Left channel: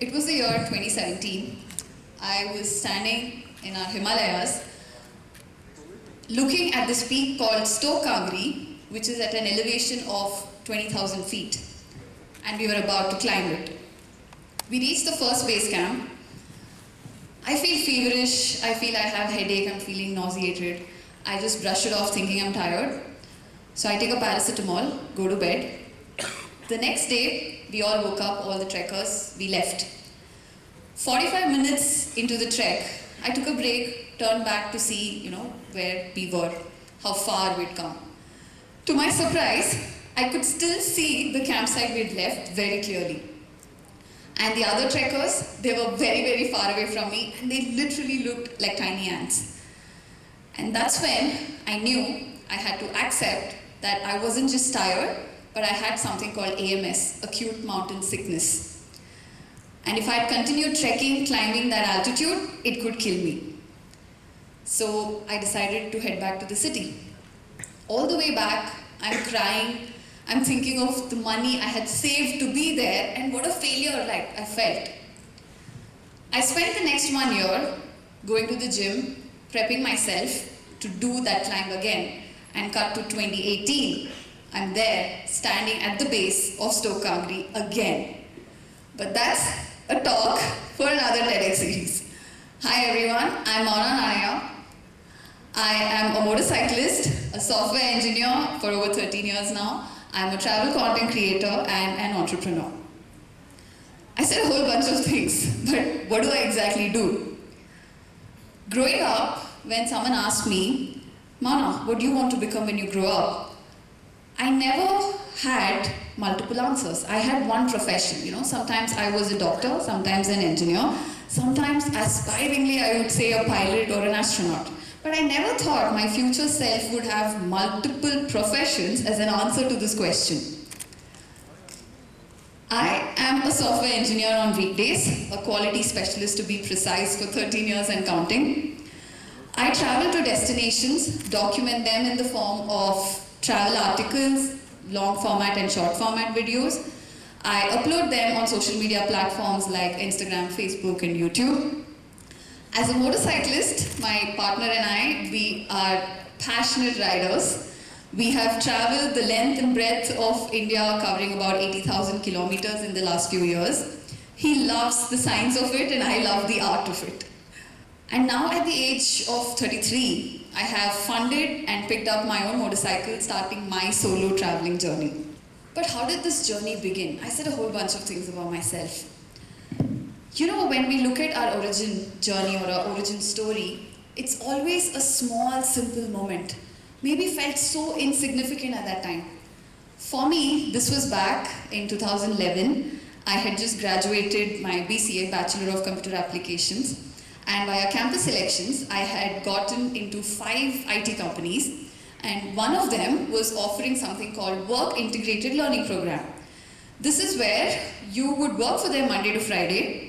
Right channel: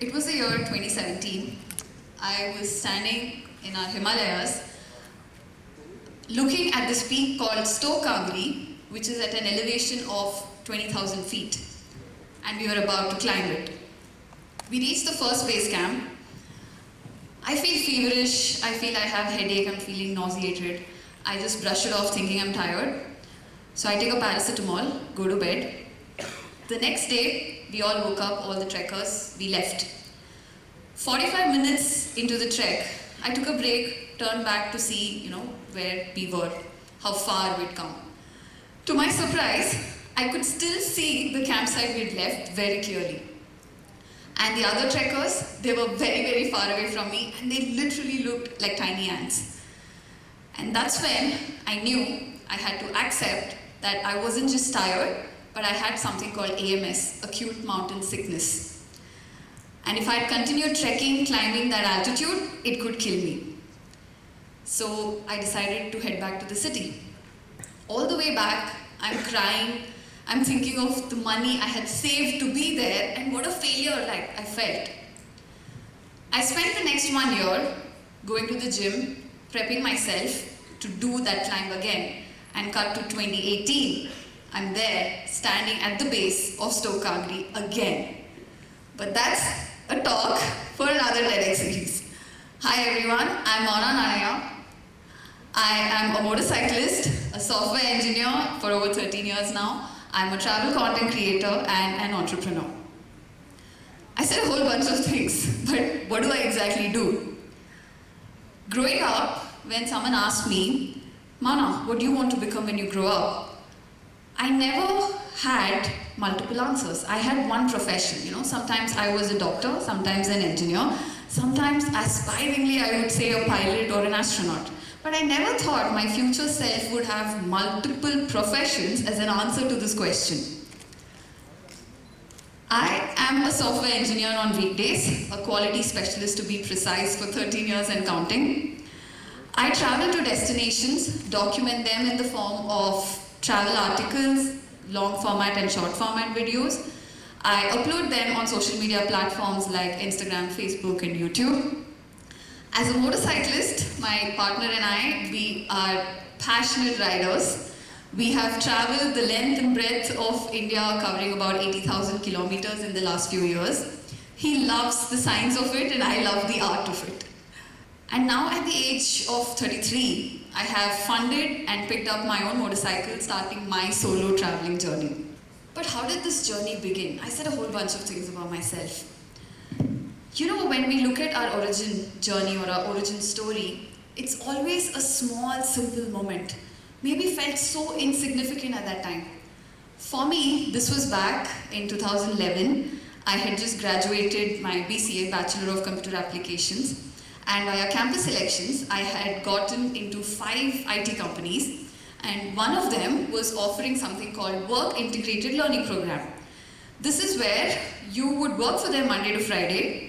It was the year 2017. I was standing in our Himalayas looking at this peak called Stoke Kangri, which is at an elevation of 20,000 feet, and we were about to climb it. We reached the first base camp. I feel feverish, I feel I have headache, I'm feeling nauseated. I just brush it off thinking I'm tired. So I take a paracetamol, go to bed. The next day, we all woke up, all the trekkers, we left. 45 minutes into the trek, I took a break, turned back to see, where we were, how far we'd come. To my surprise, I could still see the campsite we'd left very clearly. And the other trekkers, they were very, very far away from me, and they literally looked like tiny ants. And that's when I knew I had to accept that I wasn't just tired, but I had something called AMS, acute mountain sickness. And if I had continued trekking, climbing that altitude, it could kill me. So I decided to head back to the city. All the way back, I'm crying, I'm thinking of the money I had saved to be there, and what a failure I felt. I spent the next 1 year going to the gym, prepping myself to do that climb again, and cut to 2018. I'm there, standing at the base of Stoke Kangri again. But that's a talk for another TEDx series. Hi everyone, I'm Mona Naya. I am a motorcyclist, a software engineer for over 13 years now. I'm a travel content creator and an entrepreneur. I said a whole bunch of things, but what do I exactly do? Growing up, when someone asked me, Mona, what do you want to become when you grow up? I never had multiple answers. I had one profession, sometimes I was a doctor, sometimes an engineer, sometimes aspiringly I would say a pilot or an astronaut. But I never thought my future self would have multiple professions as an answer to this question. I am a software engineer on weekdays, a quality specialist to be precise for 13 years and counting. I travel to destinations, document them in the form of travel articles, long format and short format videos. I upload them on social media platforms like Instagram, Facebook, and YouTube. As a motorcyclist, my partner and I, we are passionate riders. We have traveled the length and breadth of India, covering about 80,000 kilometers in the last few years. He loves the science of it and I love the art of it. And now at the age of 33, I have funded and picked up my own motorcycle, starting my solo traveling journey. But how did this journey begin? I said a whole bunch of things about myself. When we look at our origin journey or our origin story, it's always a small, simple moment. Maybe felt so insignificant at that time. For me, this was back in 2011. I had just graduated my BCA, Bachelor of Computer Applications. And via campus selections, I had gotten into 5 IT companies, and one of them was offering something called Work Integrated Learning Program. This is where you would work for them Monday to Friday,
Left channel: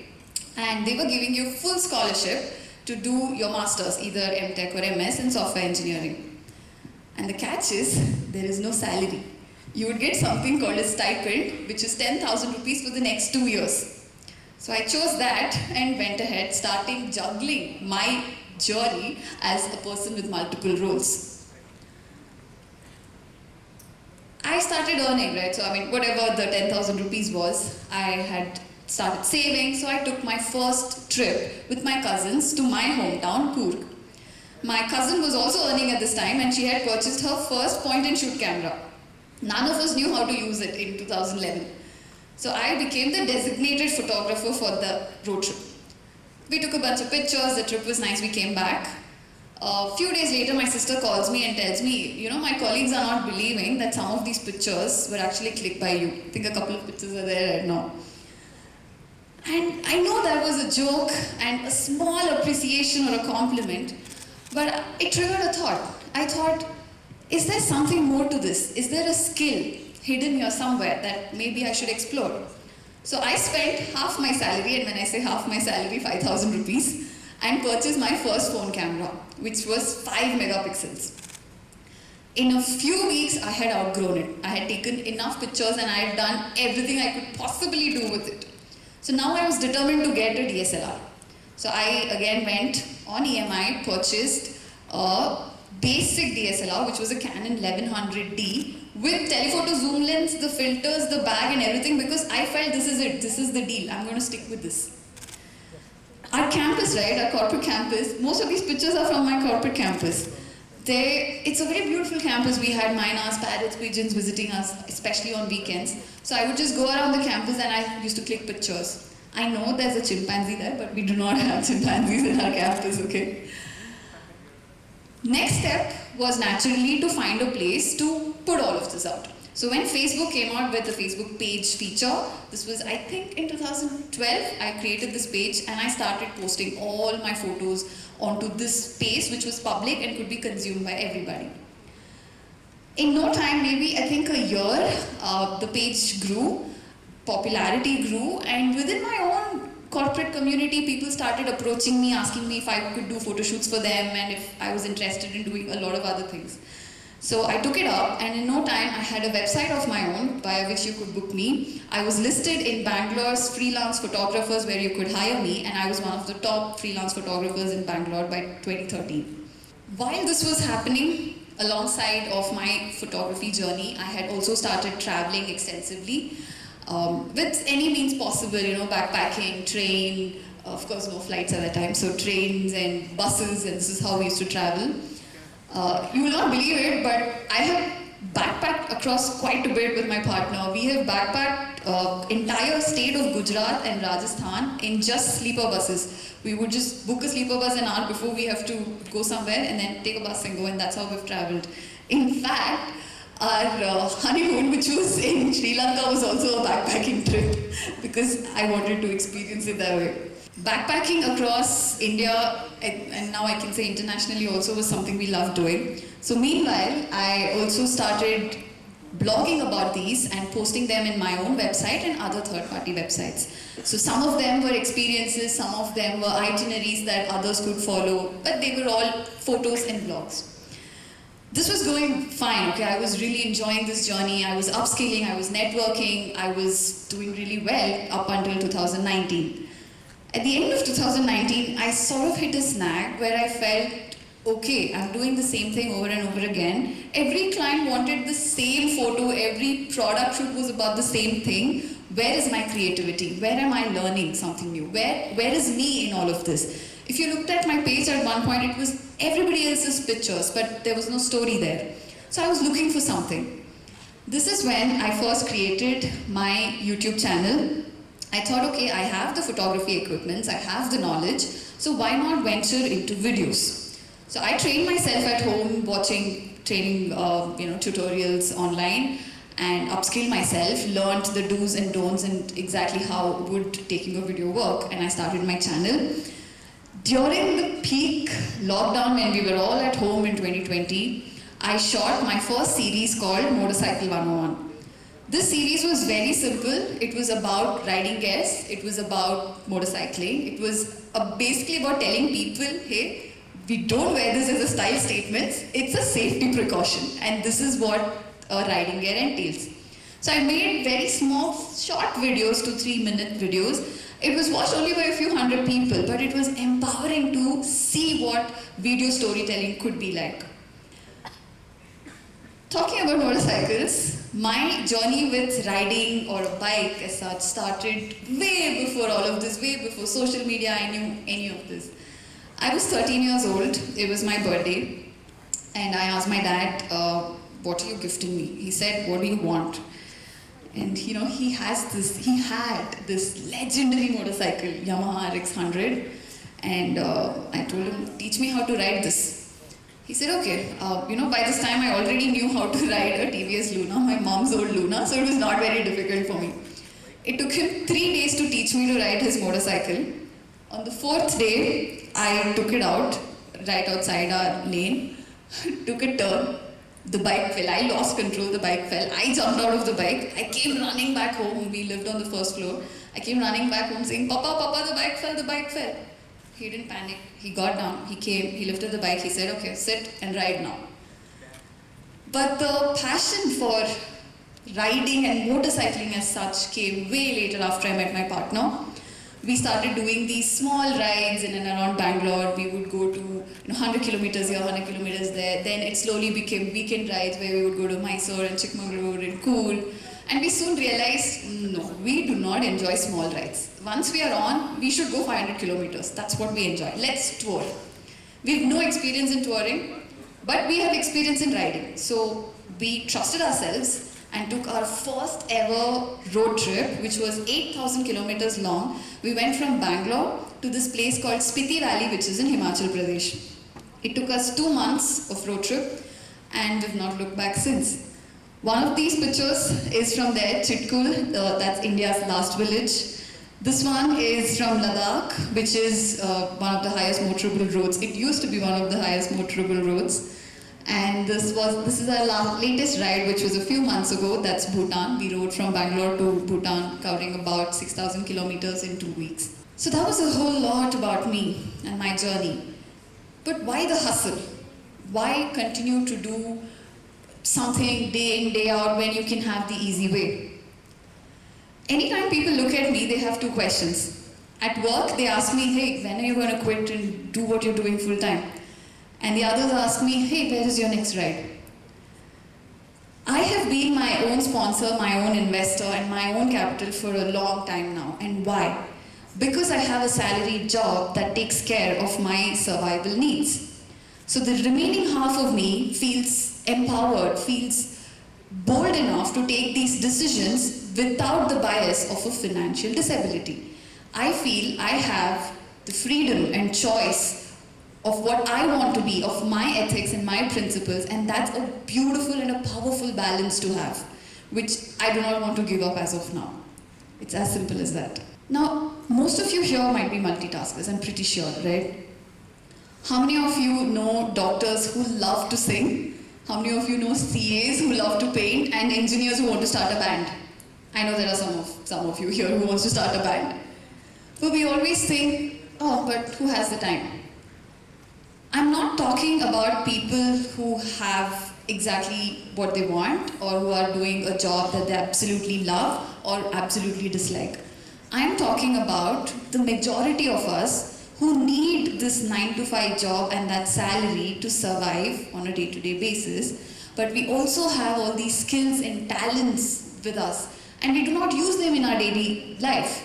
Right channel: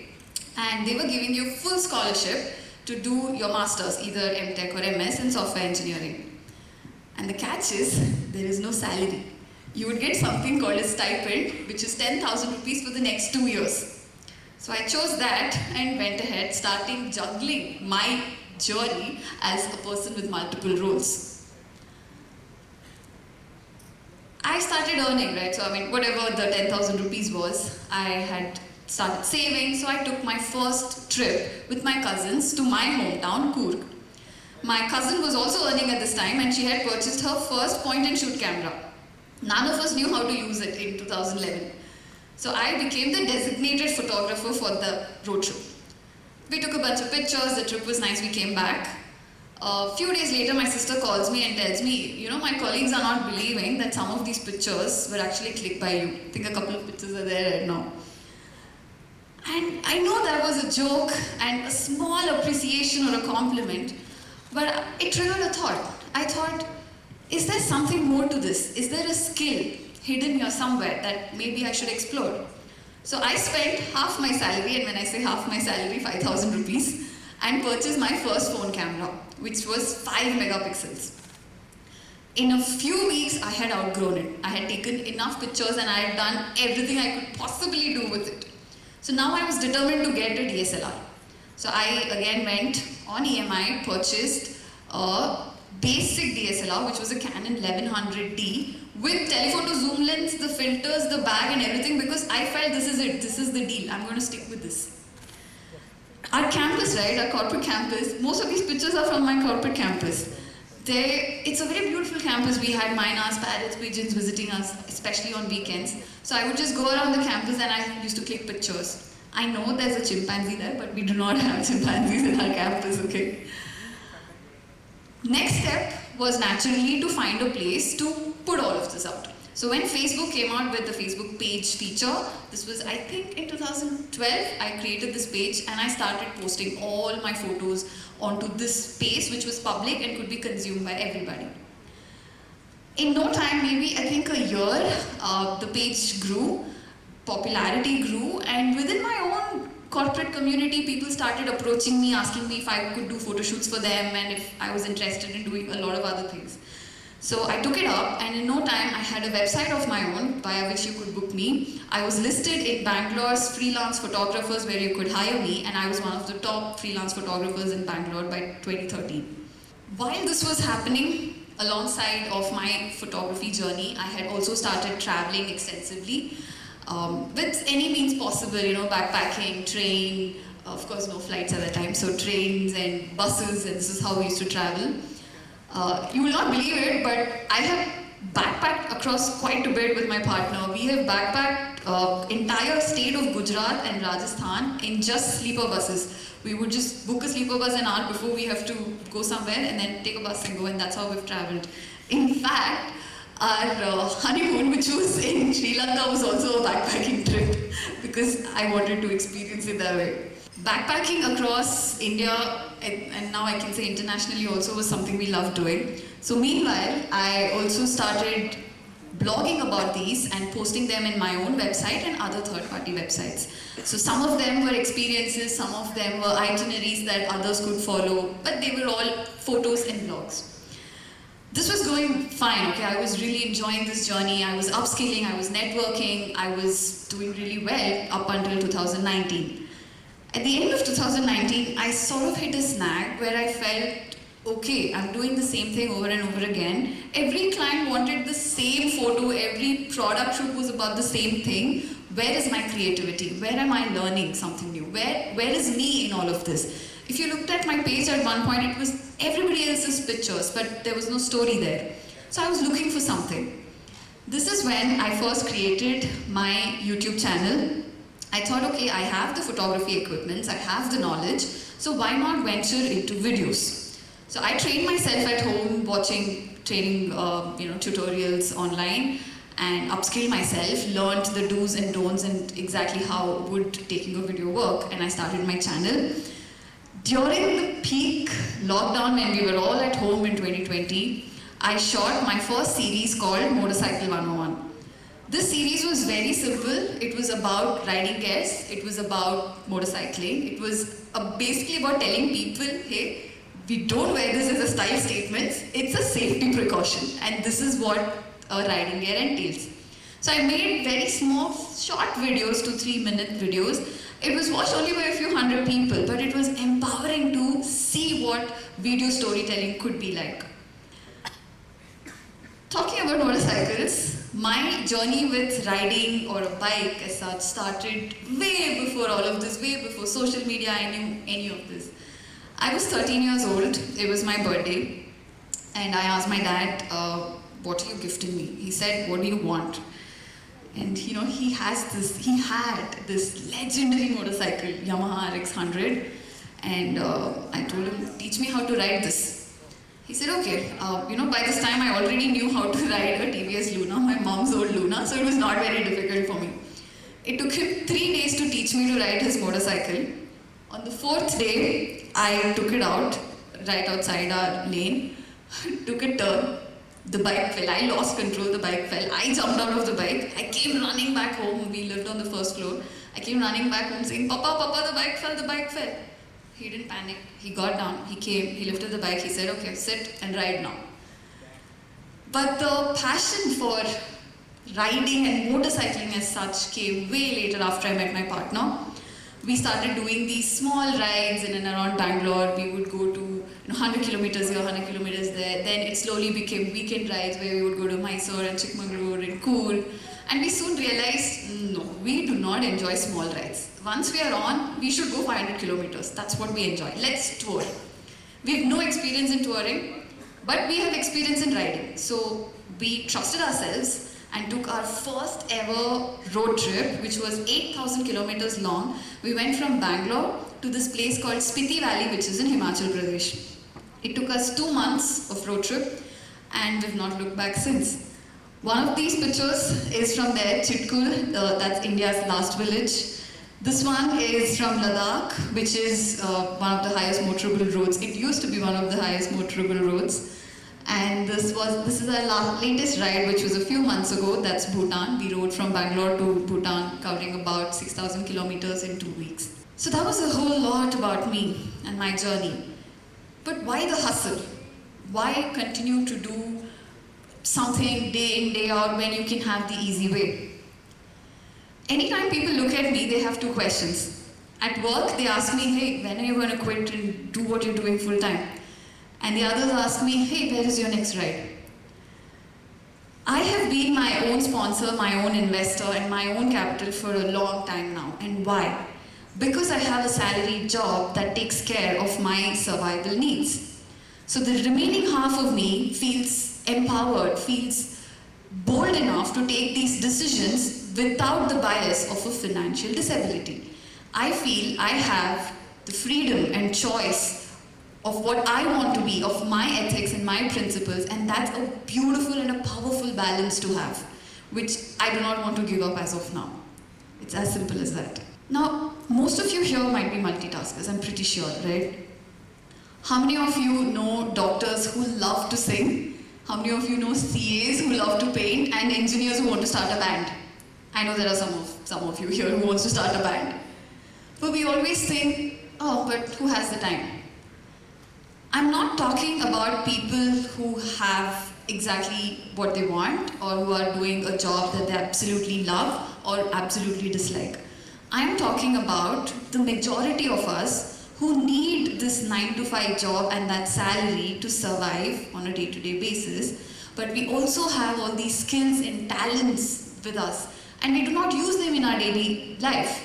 and they were giving you full scholarship to do your masters, either MTech or MS in software engineering. And the catch is, there is no salary. You would get something called a stipend, which is 10,000 rupees for the next 2 years. So I chose that and went ahead, starting juggling my journey as a person with multiple roles. I started earning, right? So whatever the 10,000 rupees was, I had started saving. So I took my first trip with my cousins to my hometown, Coorg. My cousin was also earning at this time, and she had purchased her first point-and-shoot camera. None of us knew how to use it in 2011. So I became the designated photographer for the road trip. We took a bunch of pictures, the trip was nice, we came back. A few days later, my sister calls me and tells me, my colleagues are not believing that some of these pictures were actually clicked by you. I think a couple of pictures are there right now. And I know that was a joke and a small appreciation or a compliment, but it triggered a thought. I thought, is there something more to this? Is there a skill hidden here somewhere that maybe I should explore? So I spent half my salary, and when I say half my salary, 5,000 rupees, and purchased my first phone camera, which was 5 megapixels. In a few weeks, I had outgrown it. I had taken enough pictures and I had done everything I could possibly do with it. So now I was determined to get a DSLR. So I again went on EMI, purchased a basic DSLR, which was a Canon 1100D with telephoto zoom lens, the filters, the bag and everything, because I felt this is it, this is the deal, I'm going to stick with this. Our campus, right, our corporate campus, most of these pictures are from my corporate campus. It's a very beautiful campus. We had mynas, parrots, pigeons visiting us, especially on weekends. So I would just go around the campus and I used to click pictures. I know there's a chimpanzee there, but we do not have chimpanzees in our campus, okay? Next step was naturally to find a place to put all of this out. So when Facebook came out with the Facebook page feature, this was I think in 2012, I created this page and I started posting all my photos onto this space which was public and could be consumed by everybody. In no time, maybe I think a year, the page grew, popularity grew, and within my own corporate community, people started approaching me, asking me if I could do photo shoots for them and if I was interested in doing a lot of other things. So I took it up, and in no time I had a website of my own via which you could book me. I was listed in Bangalore's freelance photographers where you could hire me, and I was one of the top freelance photographers in Bangalore by 2013. While this was happening, alongside of my photography journey, I had also started traveling extensively with any means possible, backpacking, train, of course no flights at that time, so trains and buses, and this is how we used to travel. You will not believe it, but I have backpacked across quite a bit with my partner. We have backpacked entire state of Gujarat and Rajasthan in just sleeper buses. We would just book a sleeper bus an hour before we have to go somewhere and then take a bus and go, and that's how we've traveled. In fact, our honeymoon, which was in Sri Lanka, was also a backpacking trip because I wanted to experience it that way. Backpacking across India, and now I can say internationally also, was something we loved doing. So meanwhile, I also started blogging about these and posting them in my own website and other third-party websites. So some of them were experiences, some of them were itineraries that others could follow, but they were all photos and blogs. This was going fine, okay? I was really enjoying this journey. I was upskilling, I was networking, I was doing really well up until 2019. At the end of 2019, I sort of hit a snag where I felt, okay, I'm doing the same thing over and over again. Every client wanted the same photo, every product shoot was about the same thing. Where is my creativity? Where am I learning something new? Where is me in all of this? If you looked at my page at one point, it was everybody else's pictures, but there was no story there. So I was looking for something. This is when I first created my YouTube channel. I thought, okay, I have the photography equipment, I have the knowledge, so why not venture into videos? So I trained myself at home, watching training tutorials online, and upskilled myself, learned the do's and don'ts and exactly how would taking a video work, and I started my channel. During the peak lockdown when we were all at home in 2020, I shot my first series called Motorcycle 101. This series was very simple. It was about riding guests, it was about motorcycling, it was basically about telling people, hey, we don't wear this as a style statement, it's a safety precaution, and this is what riding gear entails. So I made very small, short videos, 2 3-minute videos. It was watched only by a few hundred people, but it was empowering to see what video storytelling could be like. Talking about motorcycles, my journey with riding or a bike as such started way before all of this, way before social media, any of this. I was 13 years old, it was my birthday, and I asked my dad, what are you gifting me? He said, what do you want? And he had this legendary motorcycle, Yamaha RX100, and I told him, teach me how to ride this. He said, okay, by this time I already knew how to ride a TVS Luna, my mom's old Luna, so it was not very difficult for me. It took him 3 days to teach me to ride his motorcycle. On the 4th day, I took it out, right outside our lane, took a turn, The bike fell. I lost control. The bike fell. I jumped out of the bike. I came running back home. We lived on the first floor. I came running back home saying, Papa, Papa, the bike fell, the bike fell. He didn't panic. He got down. He came. He lifted the bike. He said, okay, sit and ride now. But the passion for riding and motorcycling as such came way later after I met my partner. We started doing these small rides in and around Bangalore. We would go to 100 kilometers here, 100 kilometers there. Then it slowly became weekend rides where we would go to Mysore and Chikmagalur and Coorg. And we soon realized, no, we do not enjoy small rides. Once we are on, we should go 500 kilometers. That's what we enjoy. Let's tour. We have no experience in touring, but we have experience in riding. So we trusted ourselves and took our first ever road trip, which was 8,000 kilometers long. We went from Bangalore to this place called Spiti Valley, which is in Himachal Pradesh. It took us 2 months of road trip, and we've not looked back since. One of these pictures is from there, Chitkul, that's India's last village. This one is from Ladakh, which is one of the highest motorable roads. It used to be one of the highest motorable roads. And this is our latest ride, which was a few months ago. That's Bhutan. We rode from Bangalore to Bhutan, covering about 6,000 kilometers in 2 weeks. So that was a whole lot about me and my journey. But why the hustle? Why continue to do something day in, day out when you can have the easy way? Anytime people look at me, they have two questions. At work, they ask me, hey, when are you going to quit and do what you're doing full time? And the others ask me, hey, where is your next ride? I have been my own sponsor, my own investor, and my own capital for a long time now. And why? Because I have a salaried job that takes care of my survival needs. So the remaining half of me feels empowered, feels bold enough to take these decisions without the bias of a financial disability. I feel I have the freedom and choice of what I want to be, of my ethics and my principles, and that's a beautiful and a powerful balance to have, which I do not want to give up as of now. It's as simple as that. Now, most of you here might be multitaskers, I'm pretty sure, right? How many of you know doctors who love to sing? How many of you know CAs who love to paint and engineers who want to start a band? I know there are some of you here who wants to start a band. But we always think, oh, but who has the time? I'm not talking about people who have exactly what they want or who are doing a job that they absolutely love or absolutely dislike. I am talking about the majority of us who need this 9-to-5 job and that salary to survive on a day-to-day basis, but we also have all these skills and talents with us and we do not use them in our daily life.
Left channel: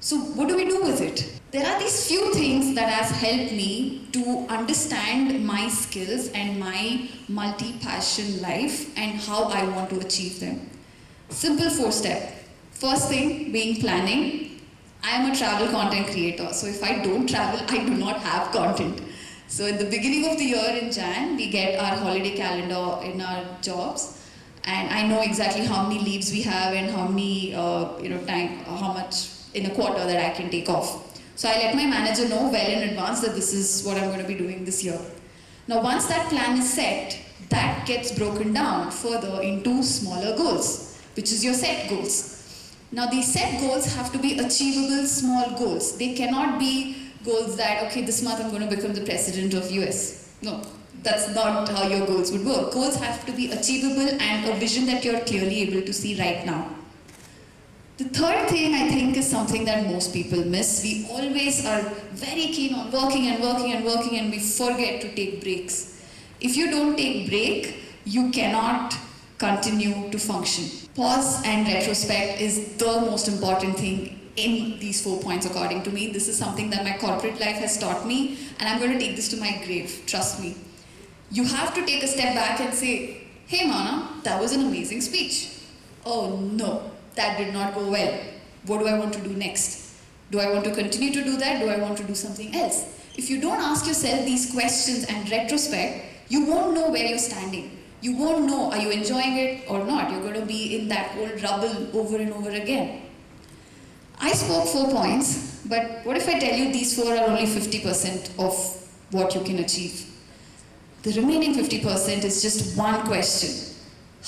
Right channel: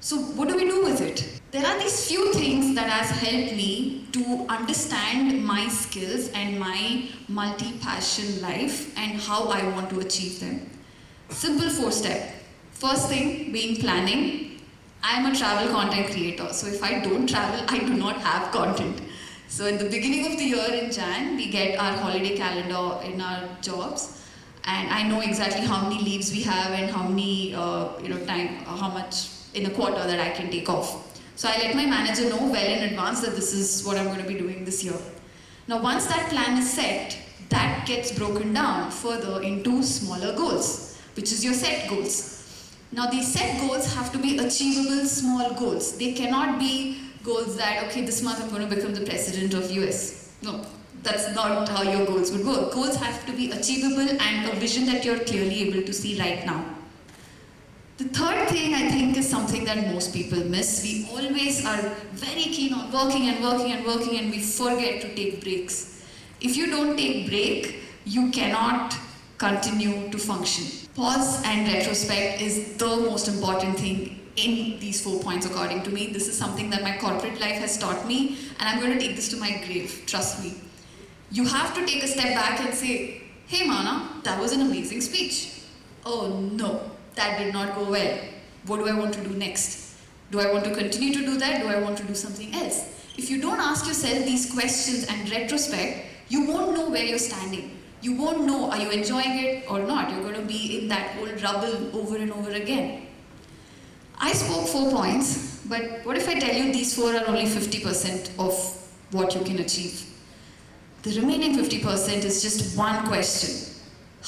So what do we do with it? There are these few things that has helped me to understand my skills and my multi-passion life and how I want to achieve them. Simple 4-step. First thing being planning. I am a travel content creator, so if I don't travel, I do not have content. So at the beginning of the year in Jan, we get our holiday calendar in our jobs, and I know exactly how many leaves we have and how many how much in a quarter that I can take off. So I let my manager know well in advance that this is what I'm going to be doing this year. Now once that plan is set, that gets broken down further into smaller goals, which is your set goals. Now these set goals have to be achievable small goals. They cannot be goals that, okay, this month I'm going to become the president of US. No, that's not how your goals would work. Goals have to be achievable and a vision that you're clearly able to see right now. The third thing I think is something that most people miss. We always are very keen on working and working and working and we forget to take breaks. If you don't take break, you cannot continue to function. Pause and retrospect is the most important thing in these 4 points according to me. This is something that my corporate life has taught me and I'm going to take this to my grave, trust me. You have to take a step back and say, hey Mana, that was an amazing speech. Oh no. That did not go well. What do I want to do next? Do I want to continue to do that? Do I want to do something else? If you don't ask yourself these questions and retrospect, you won't know where you're standing. You won't know, are you enjoying it or not? You're going to be in that old rubble over and over again. I spoke 4 points, but what if I tell you these 4 are only 50% of what you can achieve? The remaining 50% is just one question.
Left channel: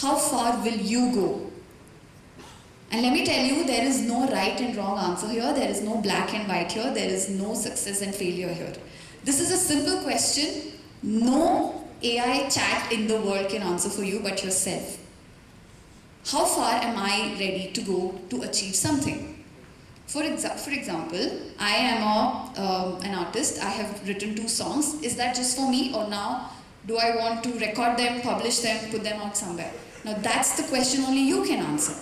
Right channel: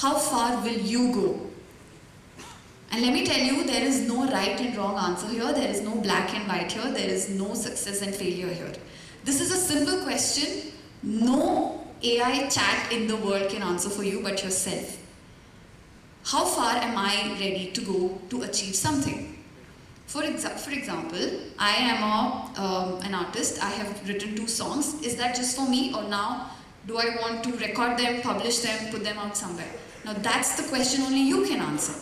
How far will you go? And let me tell you, there is no right and wrong answer here. There is no black and white here. There is no success and failure here. This is a simple question. No AI chat in the world can answer for you but yourself. How far am I ready to go to achieve something? For example, I am an artist. I have written 2 songs. Is that just for me, or now do I want to record them, publish them, put them out somewhere? Now that's the question only you can answer.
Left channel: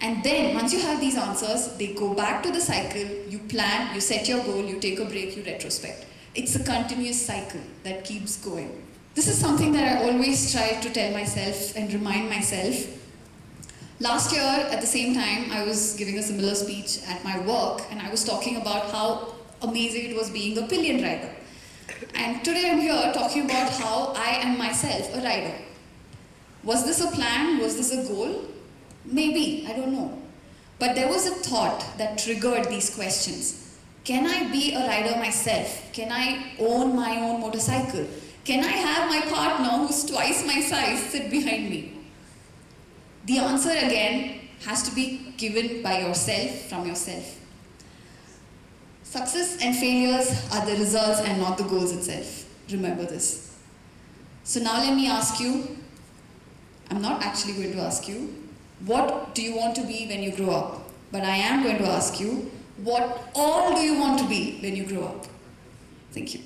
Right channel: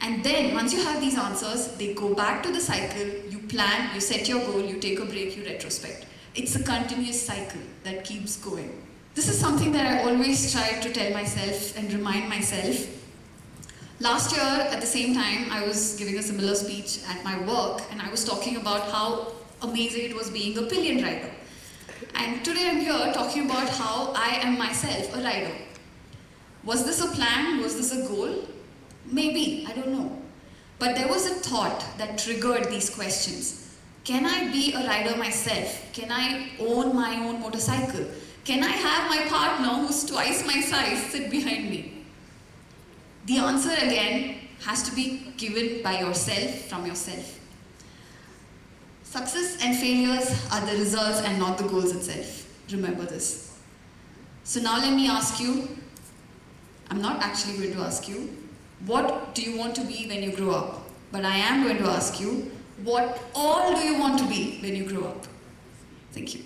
And then once you have these answers, they go back to the cycle. You plan, you set your goal, you take a break, you retrospect. It's a continuous cycle that keeps going. This is something that I always try to tell myself and remind myself. Last year, at the same time, I was giving a similar speech at my work, and I was talking about how amazing it was being a pillion rider. And today I'm here talking about how I am myself a rider. Was this a plan? Was this a goal? Maybe, I don't know. But there was a thought that triggered these questions. Can I be a rider myself? Can I own my own motorcycle? Can I have my partner who's twice my size sit behind me? The answer again has to be given by yourself, from yourself. Success and failures are the results and not the goals itself. Remember this. So now let me ask you, I'm not actually going to ask you, what do you want to be when you grow up? But I am going to ask you, what all do you want to be when you grow up? Thank you.